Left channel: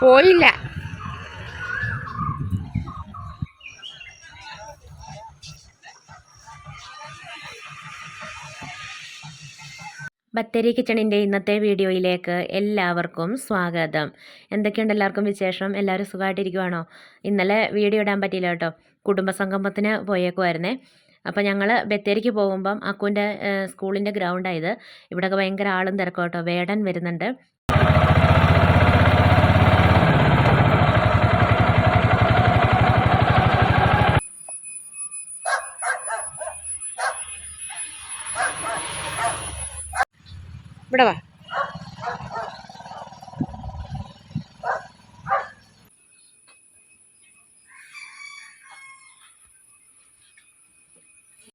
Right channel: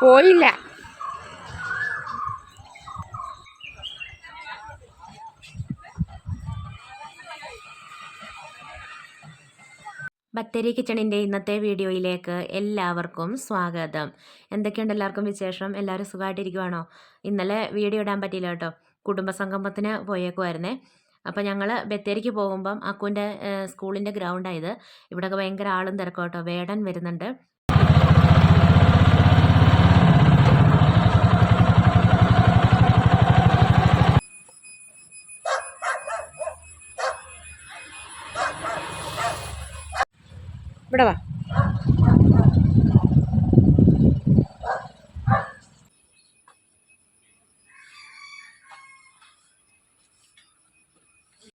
പോയില്ല. ബത്തേരി കിച്ചണിന്റെ ഇന്നത്തെ വീഡിയോയിലേക്ക് എല്ലാവർക്കും സ്വാഗതം. എന്തൊക്കെയുണ്ട് എല്ലാവർക്കും വിശേഷം? എല്ലാവരും സുഖമായിട്ടിരിക്കുവാണോ? ഇന്നലെ വീഡിയോ ഇടാൻ പറ്റിയില്ല കേട്ടോ. കുടുംബസംഗമത്തിന് പോയേക്കുമായിരുന്നേ അപ്പോൾ ഞങ്ങൾ ബത്തേരിക്ക് പോകുമ്പം അക്കുവിന്റെ സ്കൂളിന്റെ ഗ്രൗണ്ടായത് ഇവിടെയൊക്കെ ഭയങ്കര ആളും തിരക്കും കേട്ടോ. വേടൻ വരുന്നുണ്ട്. ഇവിടെ വാ.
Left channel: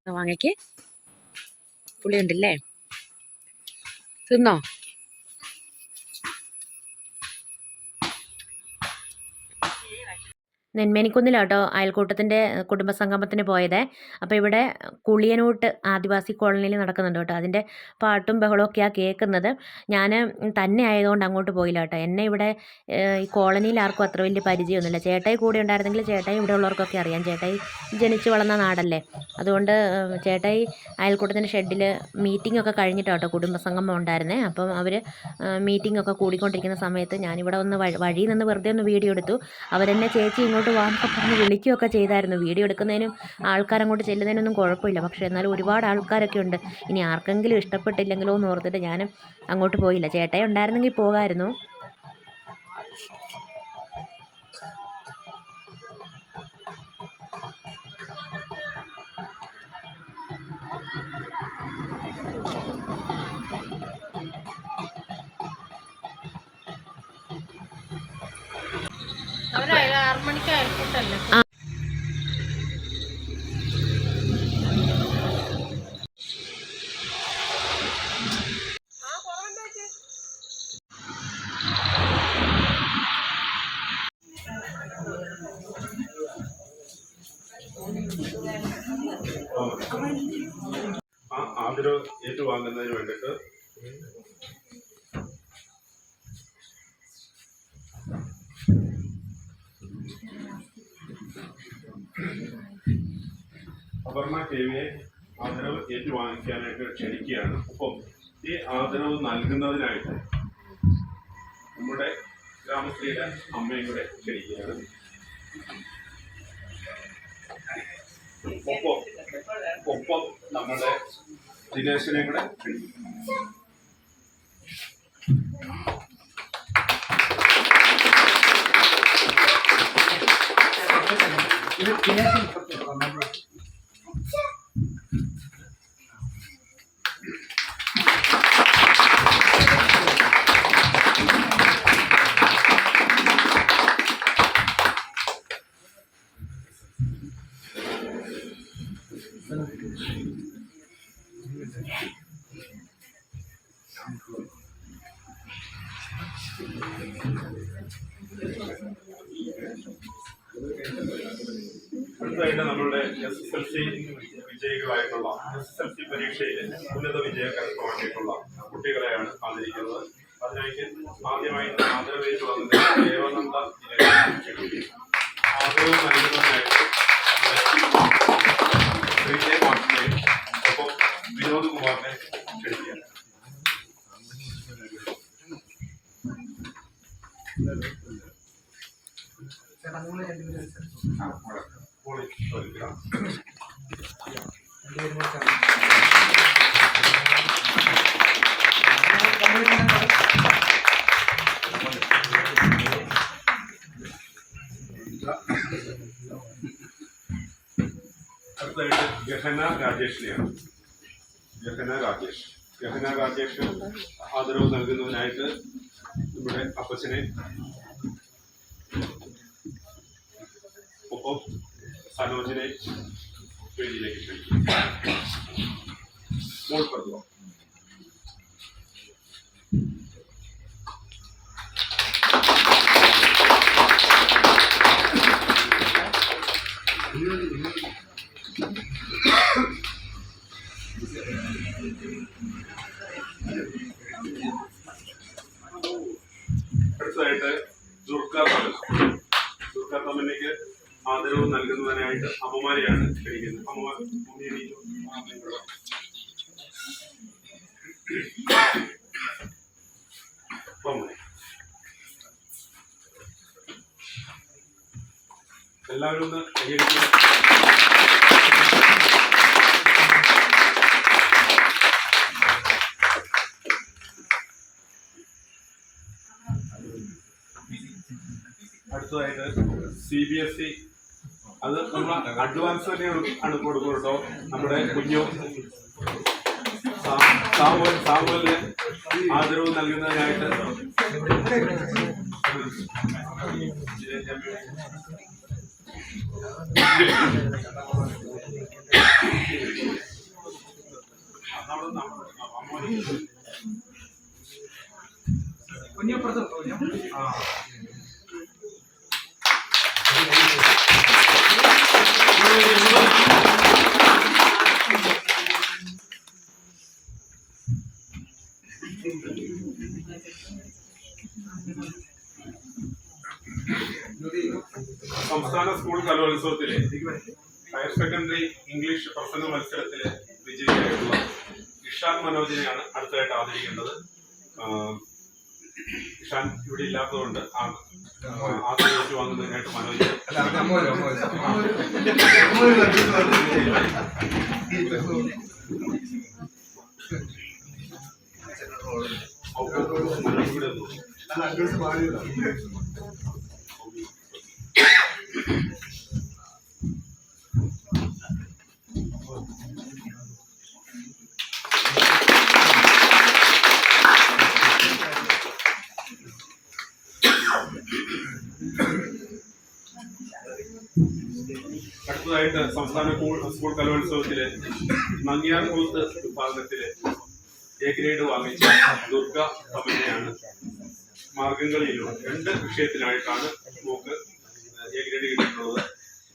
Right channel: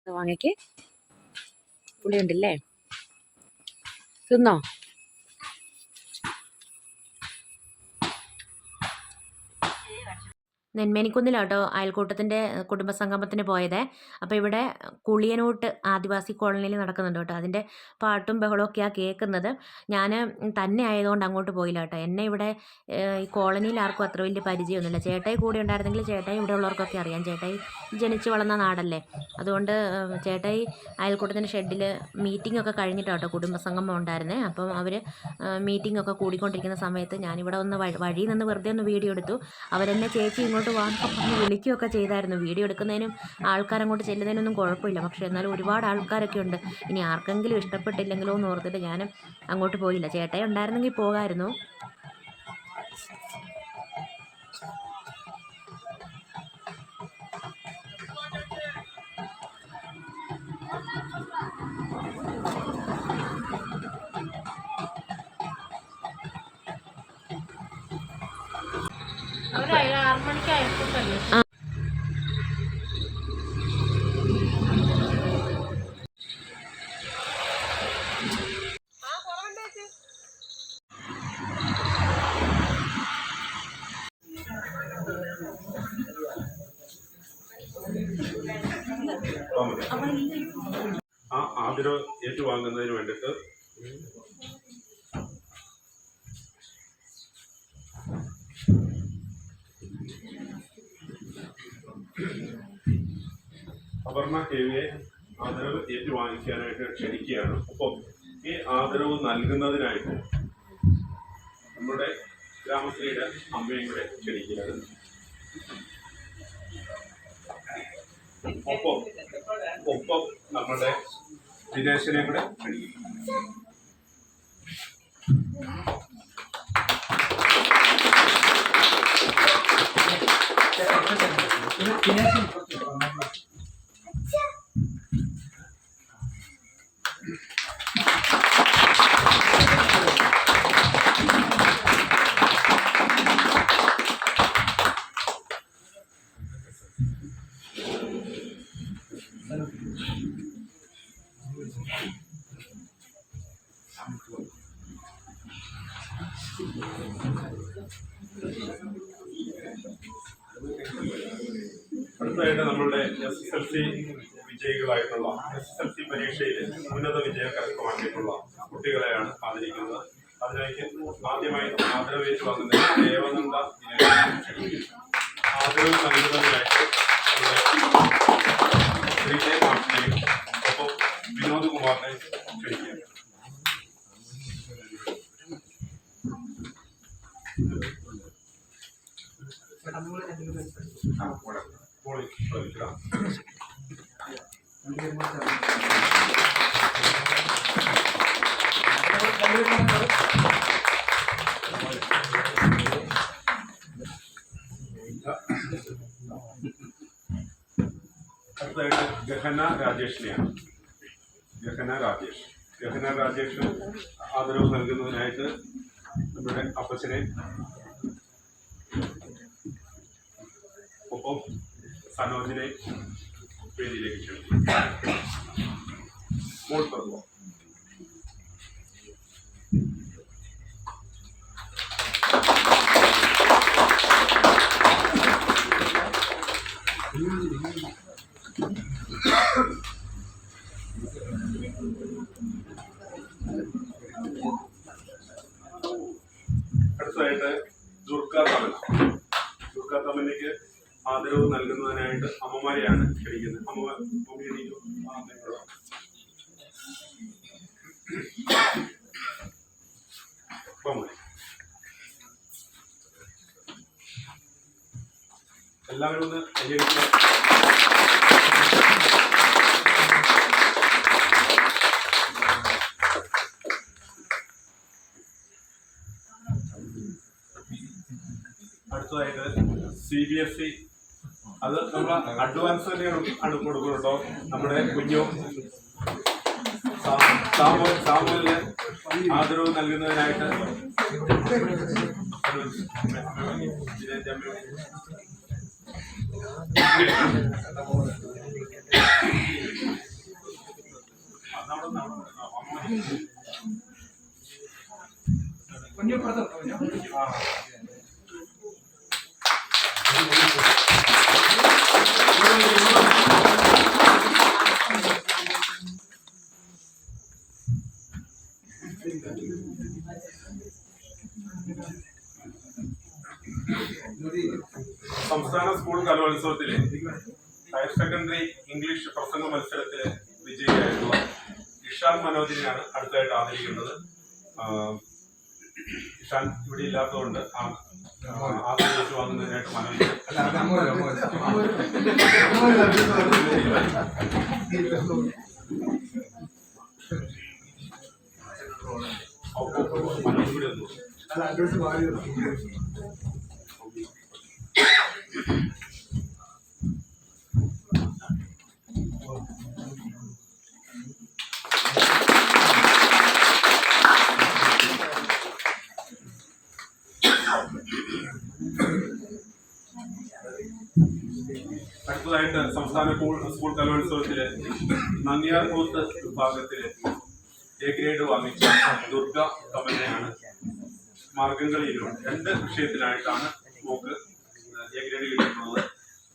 വാങ്ങിക്ക്. പുളിയുണ്ടല്ലേ? തിന്നോ? നെന്മേനിക്കുന്നിലാട്ടോ അയൽക്കൂട്ടത്തിന്റെ കുടുംബസംഗമത്തിന് പോയത്. അപ്പോൾ ഇവിടെ കുളിയനൂട്ട് ആദിവാസി കോളനിയിൽ നടക്കുന്നുണ്ട് കേട്ടോ. അതിന്റെ പാട്ടും ബഹളമൊക്കെയാണ് കേൾക്കുന്നത്. ഞാൻ തന്നെ ആയതുകൊണ്ട് അങ്ങോട്ട് പോയില്ല കേട്ടോ. എന്നെ ഇവിടെ ഈ കോളനിയിൽ ആർക്കും അത്ര വലിയ പരിചയമൊന്നുമില്ല. ചേട്ടായി കൂടെ ഉണ്ടായിരുന്നെങ്കിൽ ചേട്ടായി ഇവിടെ ഉള്ളവർക്കൊക്കെ അറിയാം. ചേട്ടായി ജനിച്ചു വളർന്ന നാടല്ലേ. അതുകൊണ്ട് ചേട്ടായി അയൽക്കൂട്ടത്തിന്റെ ഷെഡിൽ മീറ്റിംഗ് ഒക്കെ കേട്ടോ കുടുംബസംഗമം ഉണ്ടായിരുന്നേ. അപ്പം അവർ മീറ്റിംഗ് ഒക്കെ കൂടിക്കൊണ്ടിരിക്കുന്ന സമയത്ത് ഞാനിവിടെ ഒന്ന് വഴി നിന്ന് വെറുതെ ഒന്ന് വീഡിയോ എടുത്തു. അവരെന്നെ ചേച്ചി ഇങ്ങോട്ട് വാന്നൊക്കെ പറഞ്ഞ് വിളിക്കുകയൊക്കെ ചെയ്തായിരുന്നു. വീഡിയോ എടുക്കുന്നതിനും ആൾക്കാരങ്ങോട്ട് ചെല്ലുന്നതിനൊന്നും കുഴപ്പമില്ല. പക്ഷേ എന്നാലും ഒരുപാട് ആൾക്കാരൊക്കെ ഉണ്ട്. ഇനി ആർക്കെങ്കിലും ഇഷ്ടപ്പെട്ടില്ലെങ്കിലോ എന്ന് ഓർത്തിട്ട് ഞാൻ അങ്ങോട്ട് പോയില്ല. ചേട്ടായി ഉണ്ടായിരുന്നെങ്കിൽ പോകാമായിരുന്നു. മണിക്ക് ആ ഏറ്റുവാങ്ങുന്നതിന് വേണ്ടിയിട്ട് അപർണ കെ വിയെ ആദരവ് ഏറ്റുവാങ്ങിക്കാനായിട്ട് ക്ഷണിക്കുകയാണ്. ഒപ്പം ഈ ആദരവ് നൽകുന്നതിനായിട്ട് നമ്മുടെ ഗ്രാമശ്രീയുടെ അമ്മയും കൂടെ ക്ഷണിക്കുകയാണ്. ഒപ്പം ഒപ്പം നമ്മുടെ ദിനേശനെ കൂടെ ക്ഷണിക്കും അടുത്തതായിട്ട് നമ്മളുടെ എസ് എസ് എൽ സി വിജയികളായിട്ടുള്ള എസ് എസ് എൽ സി പരീക്ഷയിൽ ഉന്നത വിജയം കരസ്ഥമാക്കിയിട്ടുള്ള കുട്ടികളെയാണ് ആദരിക്കുന്നത് അതിലേക്ക് ആദ്യമായി ആദരവേറ്റ് വന്നത് ദേവനന്ദ ആദരവ് നൽകുന്നതിനായിട്ട് ഗഹന രാജേഷിനെയാണ് ഗഹന രാജേഷ് ഗഹന രാജേഷ് ആദരവ് നൽകുന്നതിനായിട്ട് നമ്മുടെ അപ്പച്ചനെ ഒപ്പം സനോജിനെ വേദിയിലേക്ക് ക്ഷണിക്കും മോൾ പറഞ്ഞു ആദരവ് നൽകുന്നതിനായിട്ട് അമ്മമാരെയാണ് ക്ഷണിക്കുന്നത്. അമ്മമാർ. എല്ലാവരും ഒന്ന് കൈയടിക്കുക അടുത്തതായിട്ട് സി ബി എസ് ഇ അത് നമ്മൾ അഡ്വാൻസ് തന്നെ ആണ് കൊടുക്കും കേട്ടോ നമ്മുടെ കുഞ്ഞു സാ- സാമുവൽ സാമുവലിന് ആദരവ് നൽകുന്നതിനായിട്ട്. നമ്മുടെ- നമ്മുടെ സംസ്ഥാന സ്കൂൾ കലോത്സവത്തിലെ ഹയർ സെക്കൻഡറി ഇംഗ്ലീഷ് പ്രസംഗ മത്സരത്തിലെ വിജയിയായിട്ടുള്ള ഇഷാൻ മനോജിനെയാണ് അടുത്തതായിട്ട് ആദരിക്കുന്നത് ഇഷാൻ ഇവിടെ ഇല്ലാത്തതുകൊണ്ട് ആ ആദരിച്ചു വാങ്ങുന്നതിനായിട്ട് മനോജിനെ മനോജ് ഇവിടെ അടുത്തതായിട്ട് സംസ്ഥാന സ്കൂൾ കലോത്സവത്തിൽ നങ്ങിയാർ കൂത്ത് വിഭാഗത്തിൽ എ ഗ്രേഡ് വാങ്ങിച്ച ദുർഗ തമന്നയാണ് മാർഗംകളിയിലും രണ്ട് വിഷയത്തിലായിട്ടാണ് നമുക്ക് എ ഗ്രേഡ് കിട്ടിയിട്ടുള്ളത്.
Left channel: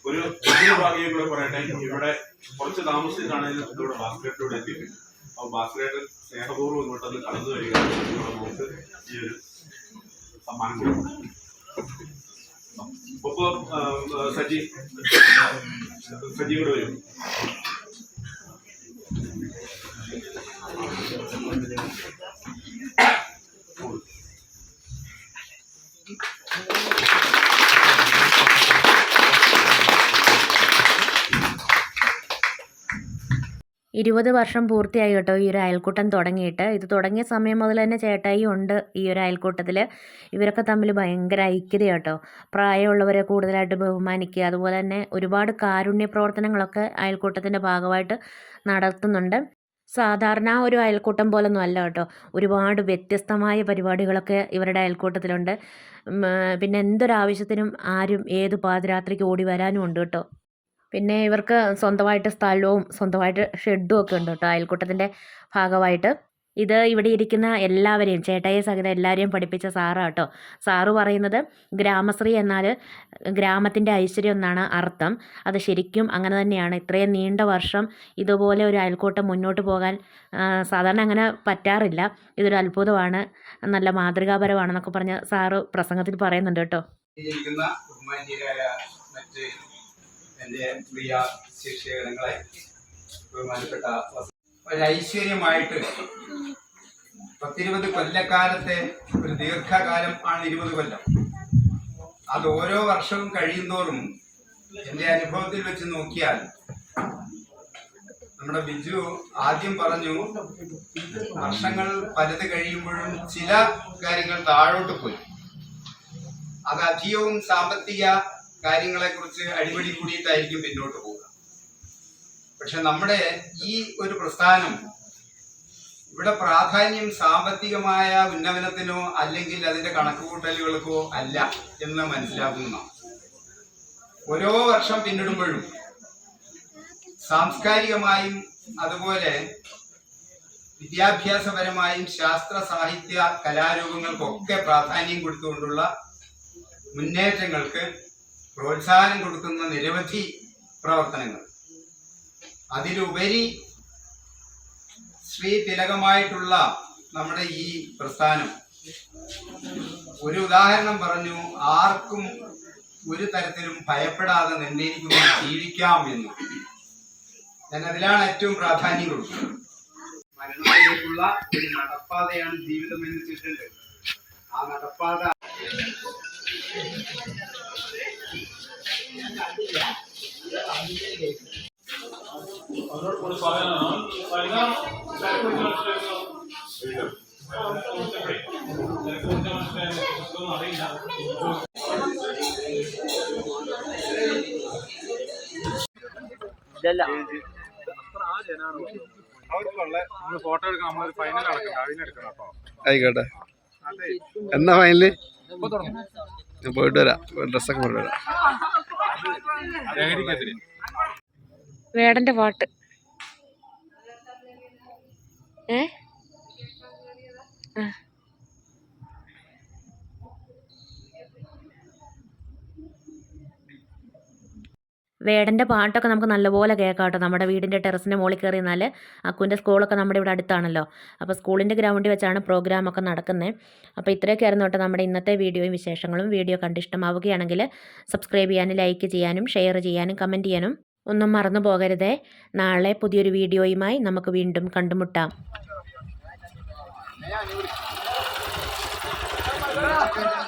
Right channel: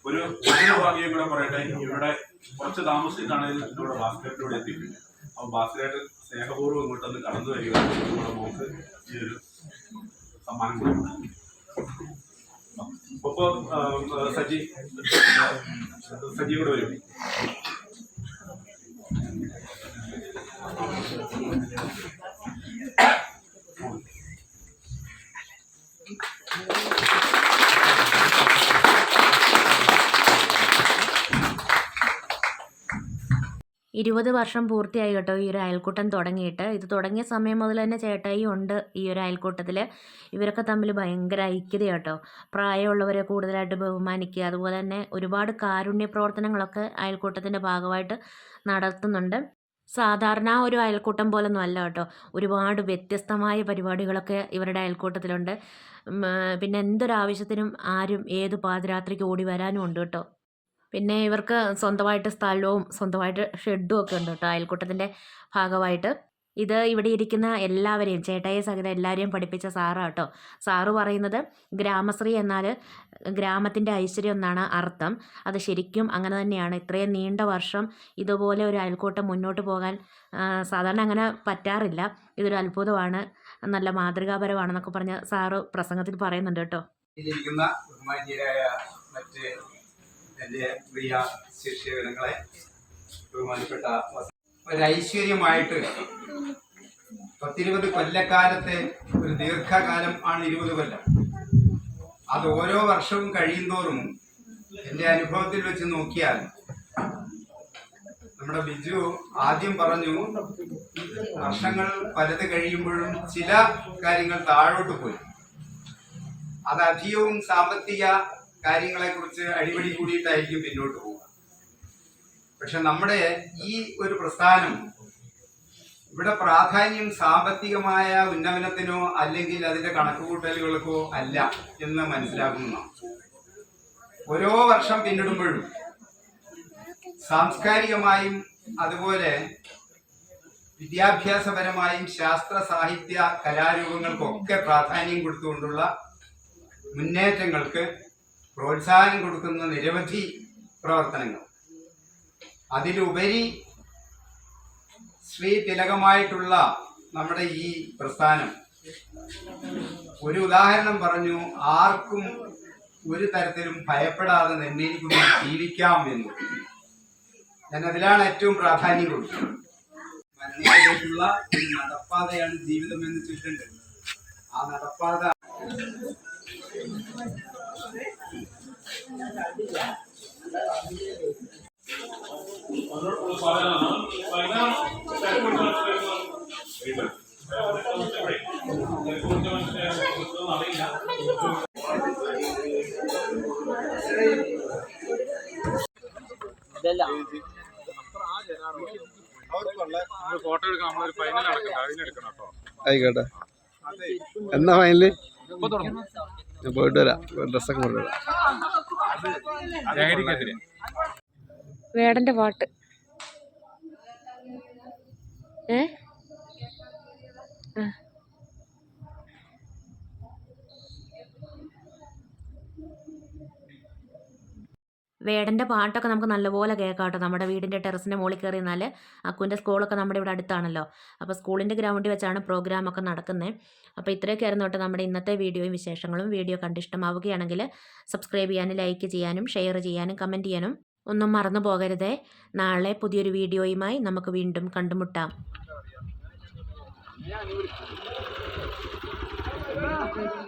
ഒരു വലിയ ഭാഗ്യം കൂടെ പറയട്ടെ ഇവിടെ കുറച്ച് താമസിച്ചിട്ടാണ് ഇവിടെ ബാസ്കറ്റിലൂടെ എത്തിയിട്ടുണ്ട്. അപ്പോൾ ബാസ്കറ്റ് സ്നേഹപൂർവം ഇങ്ങോട്ടൊന്ന് കടന്നു വരിക നമുക്ക് ഈ ഒരു സമ്മാനം കൊടുക്കും ഒപ്പം സജി സജി കൂടെ വരും. ഇരുപത് വർഷം പൂർത്തിയായി കേട്ടോ ഈ ഒരു അയൽക്കൂട്ടം തുടങ്ങിയിട്ട്. ഇത് തുടങ്ങിയ സമയം മുതൽ തന്നെ ചേട്ടായി ഉണ്ട് ഈ ഒരു അയൽക്കൂട്ടത്തിൽ ഇവരൊക്കെ തമ്മിൽ ഭയങ്കര ഐക്യത കേട്ടോ. പ്രായമുള്ളവരെ കൂടുതലായിട്ട് ബഹുമാനിക്കുക അതുപോലെ തന്നെ ഒരുപാട് കാരുണ്യ പ്രവർത്തനങ്ങളൊക്കെ അയൽക്കൂട്ടത്തിന്റെ ഭാഗമായിട്ട് നടത്തുന്നുണ്ട്. സാധാരണ ഒരു അയൽക്കൂട്ടം പോലൊന്നും അല്ല കേട്ടോ. ഒരുപാട് വ്യത്യസ്തമായ പരിപാടികളൊക്കെ ഇവരുടെ അയൽക്കൂട്ടത്തിലുണ്ട്. പിന്നെ എന്തൊരാവശ്യത്തിനും ആരും ഏത് പാതിരാത്രിക്ക് ഓടി വരാനും ഉണ്ട് കേട്ടോ. പിന്നെ ഇവർക്ക് സ്വന്തമായിട്ട് സ്ഥലവും സ്വന്തമായിട്ട് ഷെഡും ഒക്കെ ഉണ്ട് കേട്ടോ അയൽക്കൂട്ടത്തിന്റെ ഭാഗമായിട്ട്. ഇത് ഇവിടെ ഇരിക്കുന്ന എല്ലാവരെയും ചേട്ടായി സഹിതം എല്ലാവരെയും പഠിപ്പിച്ച സാറാണ് കേട്ടോ. സാറ് പറയുന്നത് ഗ്രാമശ്രീ എന്നാൽ ഗ്രാമത്തിന്റെ ഐശ്വര്യം എന്നാണ് അർത്ഥം. അത് ശരിക്കും അങ്ങനെ തന്നെയാണ്. ഇത്രയും നീണ്ട വർഷം ഇതുപോലെ ഒരു അയൽക്കൂട്ടം മുന്നോട്ട് പോകാൻ സാധാരണ അങ്ങനെ പറ്റാറില്ല. ഇതൊരു അത്ഭുതമാണ്. നല്ല മാതൃകാപരമാണെന്നൊക്കെ പറഞ്ഞ് സാറ് പ്രസംഗത്തിൽ പറയുന്നുണ്ട് കേട്ടോ. മറ്റ് എന്റെ പ്രിയ ശിക്ഷകളെ ബഹുമാനപ്പെട്ട ഒരു ഐശ്വര്യമായിട്ട് പത്തിരുപത് കൊല്ലക്കാലത്തെ ഒരു ദീർഘകാലം ആണ് ഇരുപത് കൊല്ലം. അത് ഓരോ വർഷവും കഴിയുന്തോറും എന്റെ അനുഭവത്തിൽ വെച്ച് നോക്കിയാൽ നമ്മുടെ ബിജു ആദ്യം പറഞ്ഞു വർഷങ്ങൾ പലത് കഴിയുമ്പോഴും ചില കാര്യങ്ങൾ താഴോട്ട് പോയി. അത് അധികവും സാമ്പത്തിക കാര്യങ്ങളെ കുറിച്ച് അടിപടി കൂടിയിട്ടായിരിക്കും പിന്നോട്ട് പോവുക. പക്ഷെ നമ്മുടെ ഈ ഒരു പ്രസ്ഥാനം ഇവിടെ പ്രാധാന്യം സാമ്പത്തികമായ ഉന്നമനത്തിനോ അല്ലെങ്കിൽ അതിന്റെ കണക്കുകൂട്ടലുകൾക്കോ അല്ല എന്ന് മനസ്സിലാക്കുന്ന ഓരോ വർഷം പിന്നിടുമ്പോഴും സാംസ്കാരികമായും അതുപോലെ വിദ്യാഭ്യാസപരമായും ശാസ്ത്ര സാഹിത്യ കലാരൂപങ്ങൾക്കൊക്കെ പ്രാധാന്യം കൊടുത്തുകൊണ്ടുള്ള മുന്നേറ്റങ്ങൾക്ക് പ്രോത്സാഹനം കൊടുക്കുന്ന നിരവധി പ്രവർത്തനങ്ങൾ. അതിലുപരി ശ്രീ തിലകമായിട്ടുള്ള നമ്മുടെ ഈ പ്രസ്ഥാനം. ഒരു ഉദാഹരണം പറഞ്ഞു ആർക്കും ഒരു തരത്തിലും ഭയപ്പെടാതെ നിർണയിക്കുന്നു ജീവിക്കാം എന്നു. ഞാൻ അതിലാണ് ഏറ്റവും പ്രാധാന്യം കൊടുക്കുന്നത്. മരണത്തിലേക്കുള്ള ഒരു നടപ്പാതയാണ് ജീവിതം എന്ന് ചുറ്റുണ്ട് ആ നടപ്പാത ആയിക്കോട്ടെ. എന്നാ ഫൈനൽ പോയിട്ട് വരാം. ഡ്രസ്സൊക്കെ പോയിട്ട് വരാം വേടന്റെ പാട്ട്. ഏ? ആ. വേടന്റെ പാട്ടൊക്കെ നമുക്ക് നല്ലപോലെ കേൾക്കാം കേട്ടോ നമ്മുടെ വീടിന്റെ ടെറസിന്റെ മുകളിൽ കയറി നിന്നാൽ അക്കുവിന്റെ സ്കൂളൊക്കെ നമ്മുടെ ഇവിടെ അടുത്താണല്ലോ. അപ്പോൾ സ്കൂളിന്റെ ഗ്രൗണ്ടിൽ വെച്ചാണ് പ്രോഗ്രാമൊക്കെ നടക്കുന്നത്. അപ്പോൾ ഇത്രയൊക്കെ ആയിരുന്നു കേട്ടോ നമ്മുടെ ഇന്നത്തെ വീഡിയോയും വിശേഷങ്ങളും. വീഡിയോ കണ്ട് ഇഷ്ടമാവുകയാണെങ്കിൽ സബ്സ്ക്രൈബ് ചെയ്യാനും ലൈക്ക് ചെയ്യാനും ഷെയർ ചെയ്യാനും കമന്റ് ചെയ്യാനും ഒന്നും മറന്നു പോകരുതേ. നാളെ പുതിയൊരു വീഡിയോയുമായി നമുക്ക് വീണ്ടും കണ്ടുമുട്ടാം. ആ